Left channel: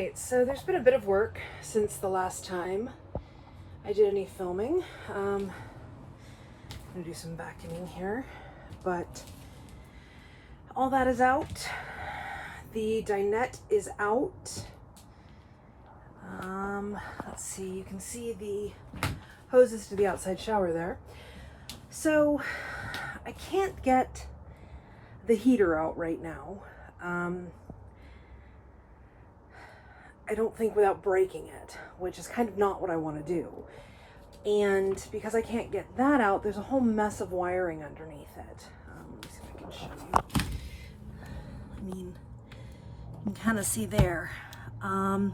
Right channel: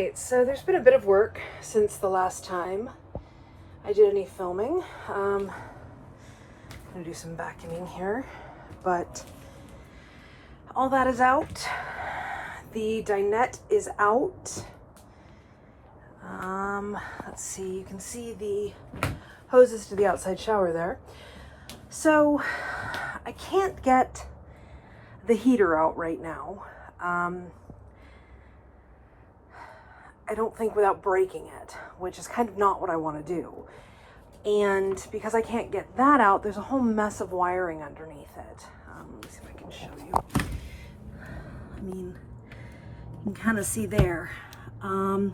Alright, so there's been a bit of work since the last time I did any filming. I'm gonna do some vacuuming here, but all that is out. The dinette is out. Let's see, you can see the hoses to the outside shower there. So I can't get the heater out right now. I don't think without breaking it, which is kind of not what I want to do. And because I can't get that out, there's a whole mess of wiring underneath it. Let me see if I can show you. I mean, you can kind of see there that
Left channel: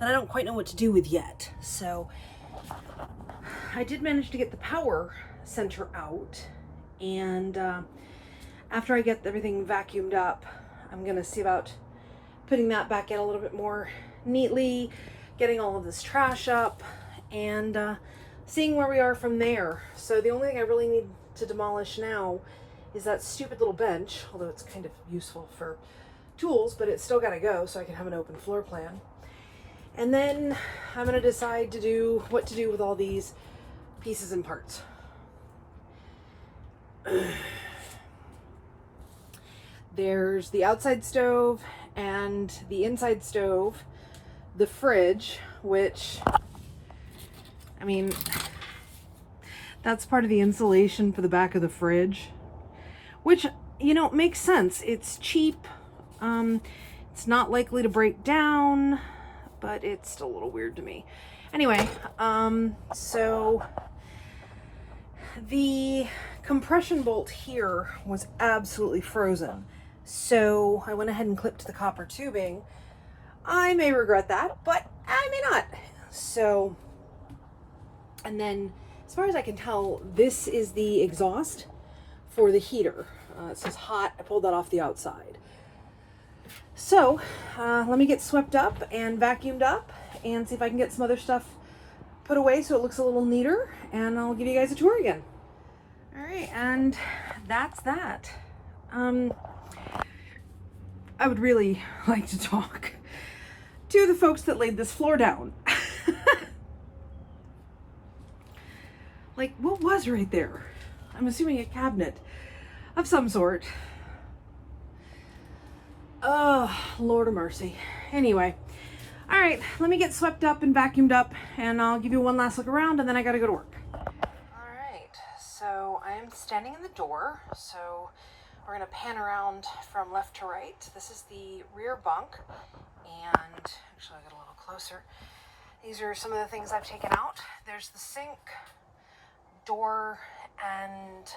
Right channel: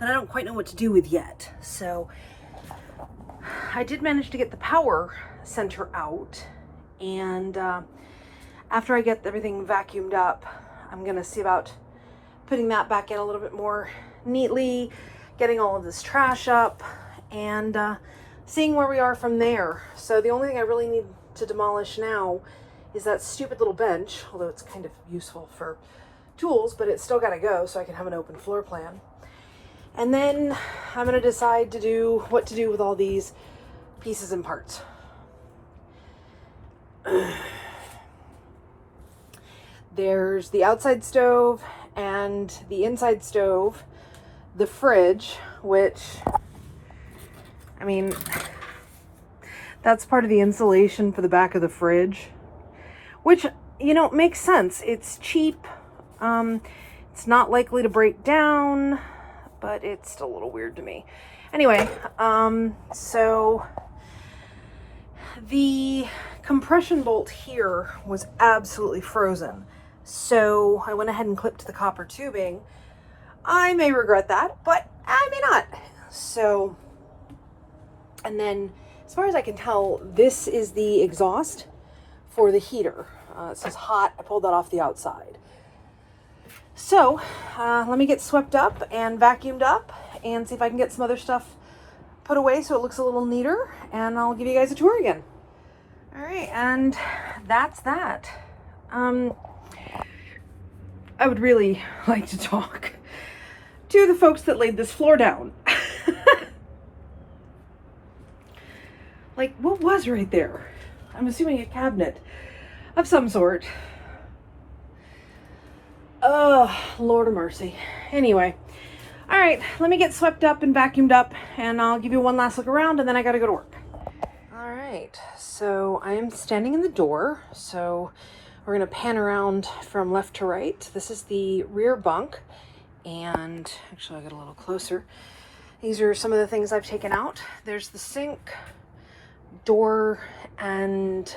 I don't quite know what to do with yet. So I did manage to get the power center out, and after I get everything vacuumed up, I'm gonna see about putting that back in a little bit more neatly, getting all of this trash up, and seeing where we are from there. So the only thing I really need to demolish now is that stupid little bench, although it's kind of useful for tools, but it's still gotta go so I can have an open floor plan. And then I'm gonna decide what to do with all these pieces and parts. There's the outside stove and the inside stove, the fridge, which, I mean, that's part of the insulation for the back of the fridge, which, you know, makes sense. It's cheap. It's not likely to break down, but it's still a little weird to me. Anyway, so the compression bolt here was absolutely frozen. So I went ahead and clipped the copper tubing. I may regret that, but I may not. So, and then as far as I can tell, this is the exhaust for the heater. It says hot. I pulled that off the outside. So let me get swept up and vacuumed up and see if I can get some other stuff put away so it looks a little neater, and I'll give you guys a tour again. All right, and that's that. I would really like to talk to the folks that laid this floor down. Like, what was right there? I'm assuming a cabinet of some sort. Oh, Lord of mercy. Anyway, all right, let me get swept up and vacuumed up, and I'll give you one last look around, and then I gotta go to work. All right, so I am standing in the door, so we're gonna pan around from left to right. This is the rear bunk, and actually I'll get a little closer. These are some of the things I've taken out. There's the sink, door, and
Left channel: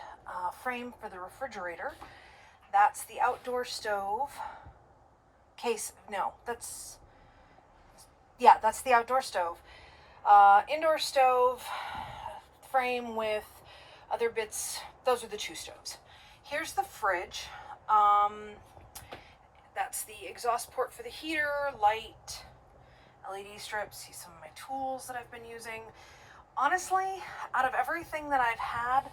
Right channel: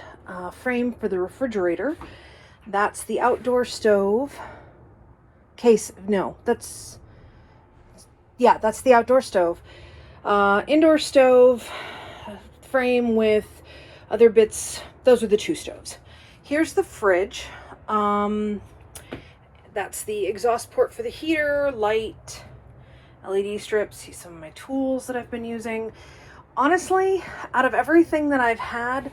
frame for the refrigerator. That's the outdoor stove. That's the outdoor stove. Indoor stove, frame with other bits. Those are the two stoves. Here's the fridge. That's the exhaust port for the heater, light, LED strips. See some of my tools that I've been using. Honestly, out of everything that I've had,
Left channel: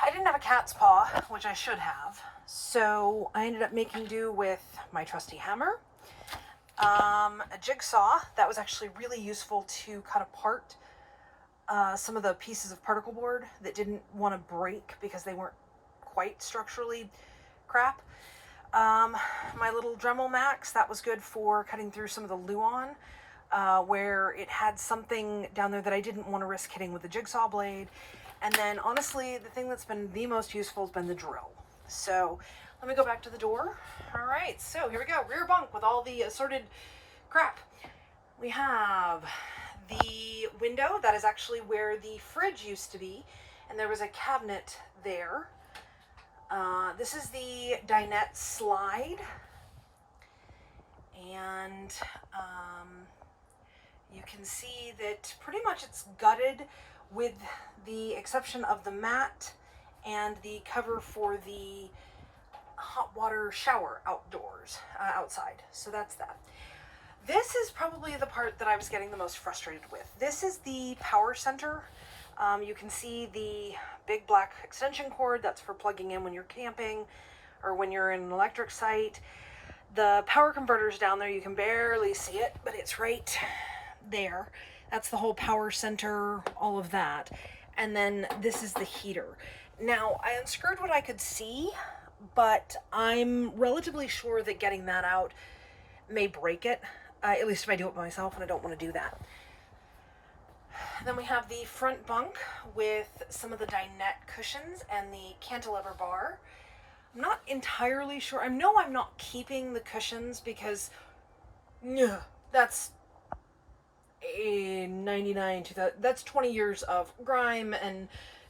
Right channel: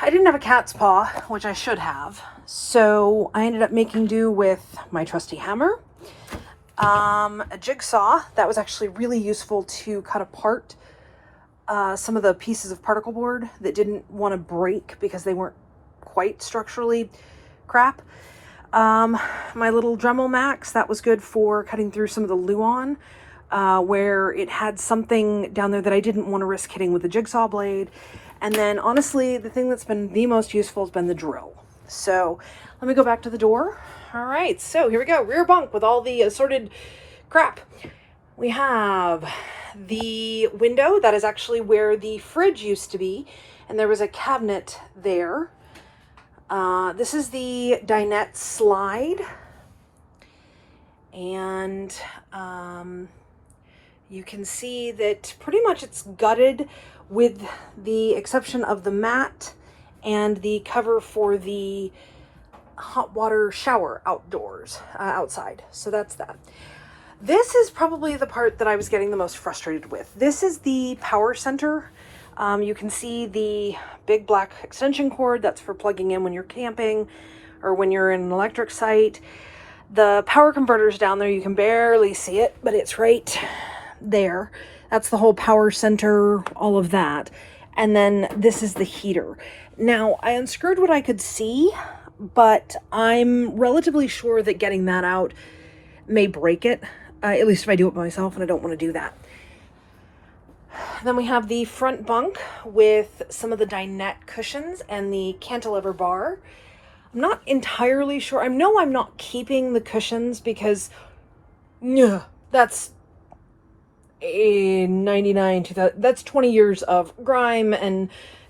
I didn't have a cat's paw, which I should have. So I ended up making do with my trusty hammer, a jigsaw that was actually really useful to cut apart some of the pieces of particle board that didn't want to break because they weren't quite structurally crap. My little Dremel Max, that was good for cutting through some of the Luan, where it had something down there that I didn't want to risk hitting with the jigsaw blade. And then honestly, the thing that's been the most useful has been the drill. So let me go back to the door. All right, so here we go. Rear bunk with all the assorted crap. We have the window. That is actually where the fridge used to be, and there was a cabinet there. This is the dinette slide, and you can see that pretty much it's gutted with the exception of the mat and the cover for the hot water shower outside. So that's that. This is probably the part that I was getting the most frustrated with. This is the power center. You can see the big black extension cord. That's for plugging in when you're camping or when you're in an electric site. The power converter's down there. You can barely see it, but it's right there. That's the whole power center, all of that. And then this is the heater. Now, I unscrewed what I could see, but I'm relatively sure that getting that out may break it, at least if I do it by myself, and I don't want to do that. Then we have the front bunk with some of the dinette cushions and the cantilever bar. I'm not entirely sure. I know I'm not keeping the cushions because that's a 99, 2000, that's 20 years of grime and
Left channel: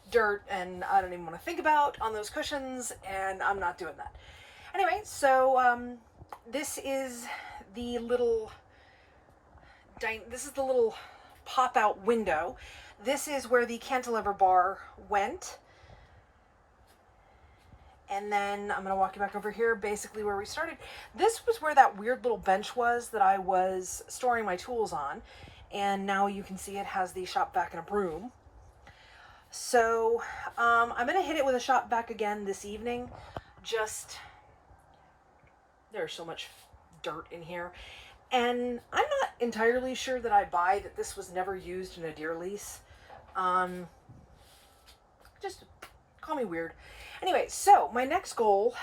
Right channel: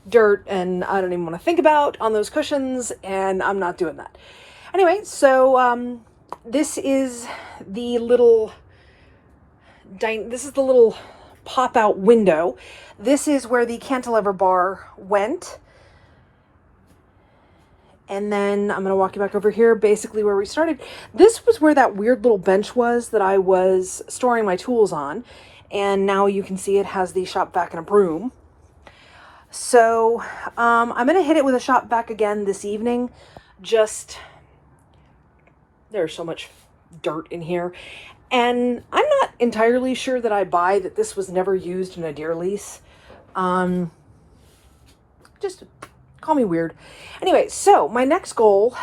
dirt, and I don't even want to think about on those cushions, and I'm not doing that. Anyway, so this is the little pop-out window. This is where the cantilever bar went. And then I'm going to walk you back over here, basically where we started. This was where that weird little bench was that I was storing my tools on. And now you can see it has the shop vac and a broom. So I'm going to hit it with a shop vac again this evening. Just, there's so much dirt in here. And I'm not entirely sure that I buy that this was never used in a deer lease. Just call me weird. Anyway, so my next goal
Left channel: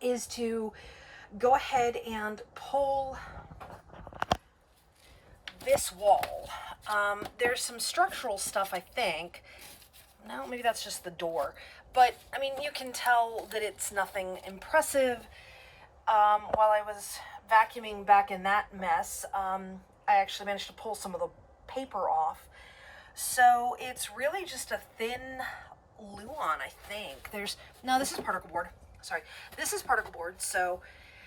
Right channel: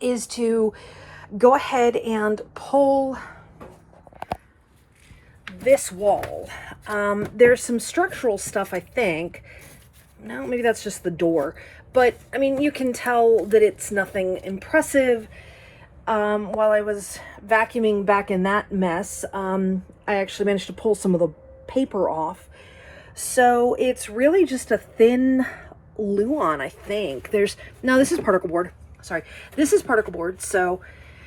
is to go ahead and pull this wall. There's some structural stuff, I think. No, maybe that's just the door. But, I mean, you can tell that it's nothing impressive. While I was vacuuming back in that mess, I actually managed to pull some of the paper off. So it's really just a thin Luan, I think. No, this is particle board. Sorry. This is particle board. So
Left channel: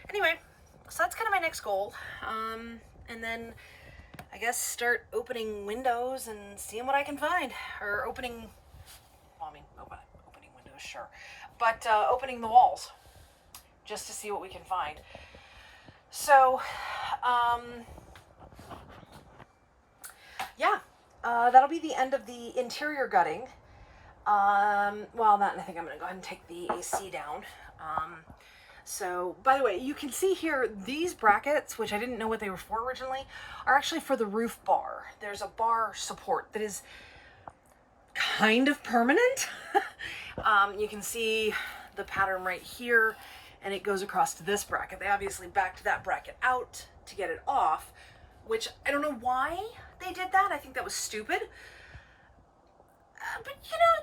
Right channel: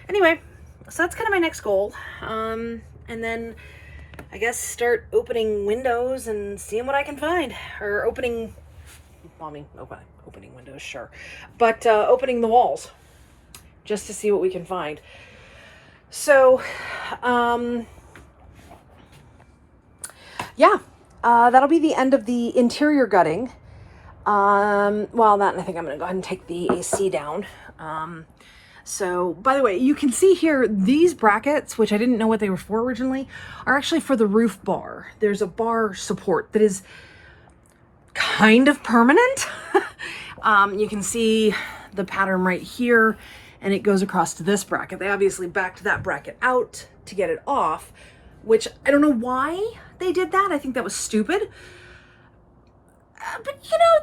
anyway, so that's kind of my next goal. And then I guess start opening windows and seeing what I can find. Or opening windows, sure. But opening the walls just to see what we can find. So, yeah, that'll be the end of the interior gutting. Well, I think I'm going to go ahead and take the AC down. So, by the way, you can see here, these brackets, which I didn't know what they were for originally, are actually for the roof bar. There's a bar support that is kind of permanent. You can see the pattern right here, and it goes across to this bracket. They obviously backed that bracket out to get it off, which I don't know why they did that. I think that was stupid. But, you know,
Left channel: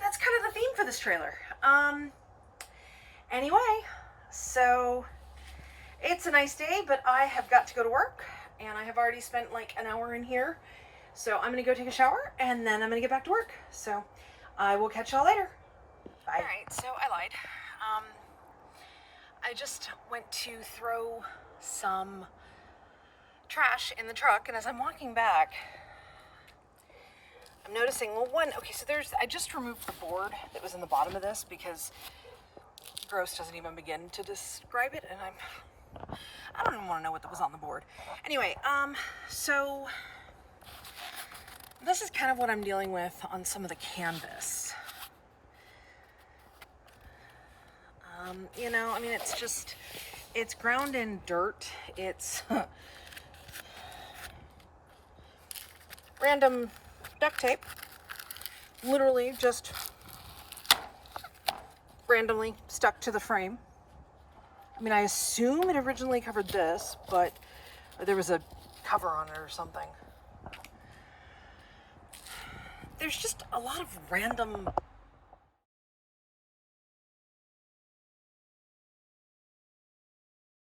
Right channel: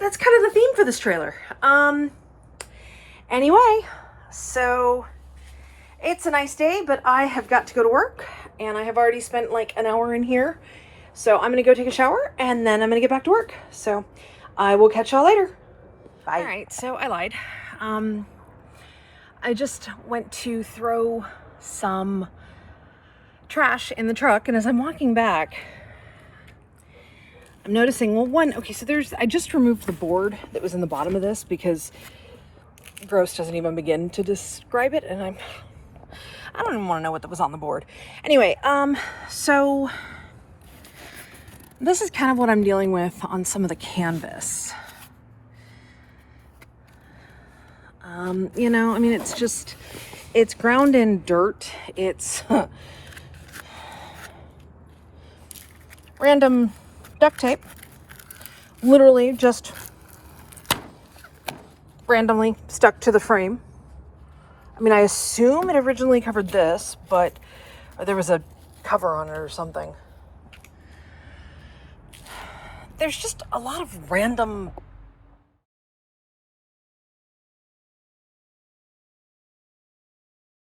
that's kind of the theme for this trailer. Anyway, so it's a nice day, but I have got to go to work, and I have already spent like an hour in here. So I'm going to go take a shower, and then I'm going to get back to work. So I will catch y'all later. Bye. All right, so I lied. I just went to throw some trash in the truck, and as I'm walking back, I'm noticing, I just removed the board that was in the bottom of this because gross doesn't even begin to describe it, and I don't even want to know what that was on the board. Anyway, so this is kind of what I'm dealing with on some of the canvas. You know, I mean, it's ground in dirt. It's random duct tape, literally just randomly stuck to the frame. I mean, I assume it originally covered this, but there was a cover on it or something. There's just a lot of random